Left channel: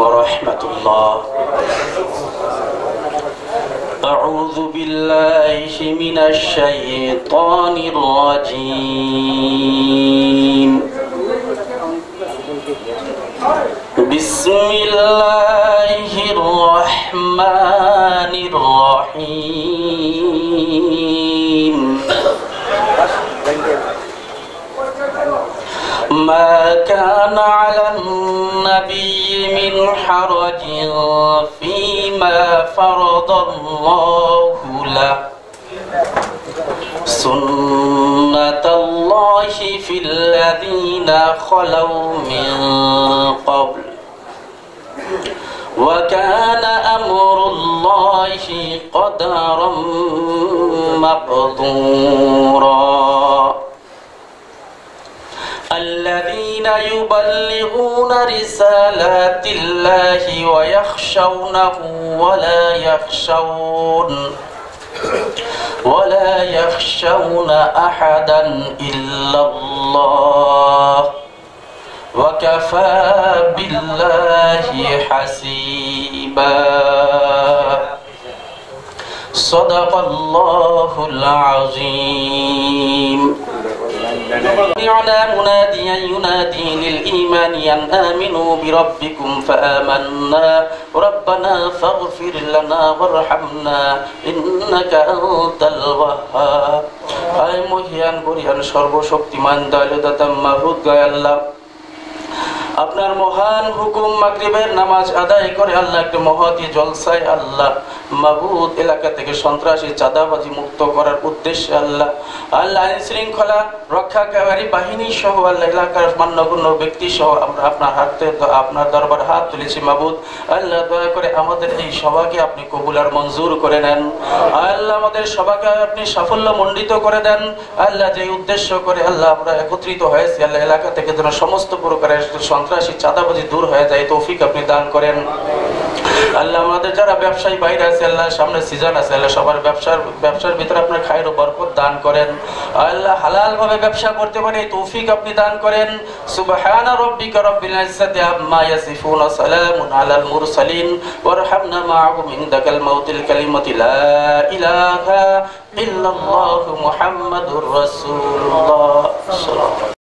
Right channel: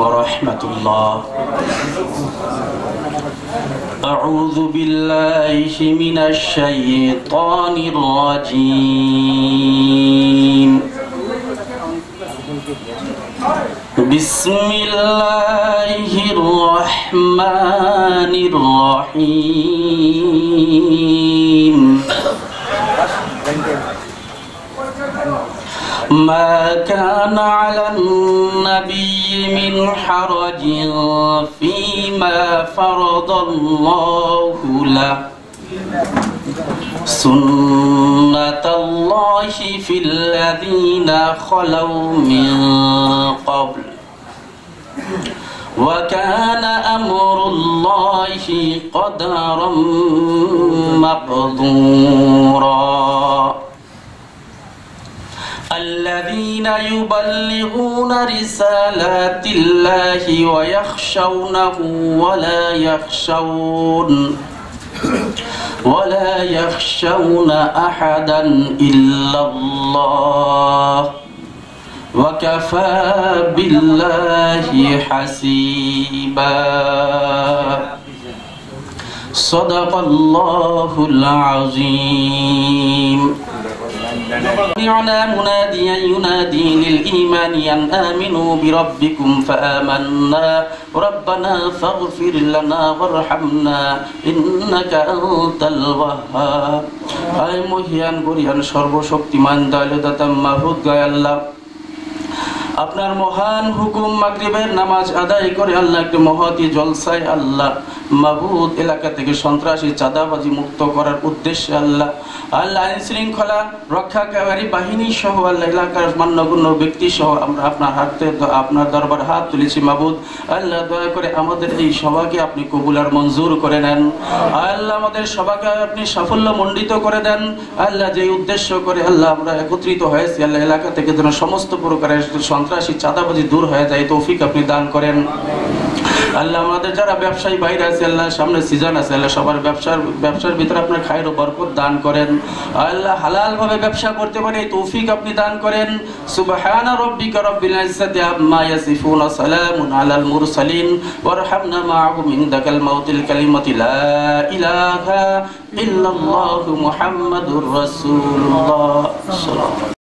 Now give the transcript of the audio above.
ورحمة الله. أعوذ بالله من الشيطان الرجيم. بسم الله الرحمن الرحيم. ما كان على النبي من حرج فيما فرض الله له سنة الله في الذين خلوا من قبل وكان أمر الله قدرا مقدورا. الذين يبلغون رسالات الله ويخشونه ولا يخشون أحدا إلا الله وكفى بالله حسيبا. صدق الله العظيم. سمعنا مناديا ينادي للإيمان أن آمنوا بربكم فآمنا ربنا فاغفر لنا وارحمنا إنك أنت الوهاب. আয় মহিয়ান গরিয়ান সর্বশক্তিমান দয়ালুদাতা মাহবুব গায় আল্লাহ, আপনার মহান হুকুম মাগরিবের নামাজ আদায় করে আল্লাহ একটা মহতি জলসায় আল্লাহ মাহবুব এলাকা থেকে সন্ত্রাসী চাঁদাবাজি মুক্ত করার উদ্দেশ্যে আল্লাহ আইন শৃঙ্খলা রক্ষাকারী বাহিনী সহ আল্লাহ এলাকার মান্যগণ্য ব্যক্তি সহ আমরা আপনার হাতে আপনার দরবার হাত তুলেছি মাহবুব আল্লাহ, দয়া করে আমাদের এই সভাকে আপনি কবুল আর মঞ্জুর করে নেন আল্লাহ, আমাদের সভাকে আপনি সাফল্য মণ্ডিত করে দেন আল্লাহ। যে উদ্দেশ্য করে আল্লাহ আমরা একত্রিত হয়েছি আল্লাহ, এলাকা থেকে যেন সমস্ত প্রকারের সন্ত্রাসী চাঁদাবাজি দূর হয়ে যায় তৌফিক আপনি দান করেন আল্লাহ। আমাদের যারা ব্যবসায়ী বাইরে আছে আল্লাহ, সামনে সিজন আছে আল্লাহ, সবার ব্যবসার ভিতরে আপনার খায়ের ও বরকত দান করেন আল্লাহ, হালাল ভাবে ব্যবসা করতে পারে তৌফিক আপনি দান করেন। সুবহান রাব্বিকা রাব্বিল ইজ্জাতি আম্মা ইয়াসিফুন ওয়া সালামুন আলাল মুরসালিন ওয়ারহামনা মা'হুম ইনদাকাল মাউতিল কালিমাতি লা ইলাহা ইল্লাল্লাহু মুহাম্মাদুর রাসূলুল্লাহ।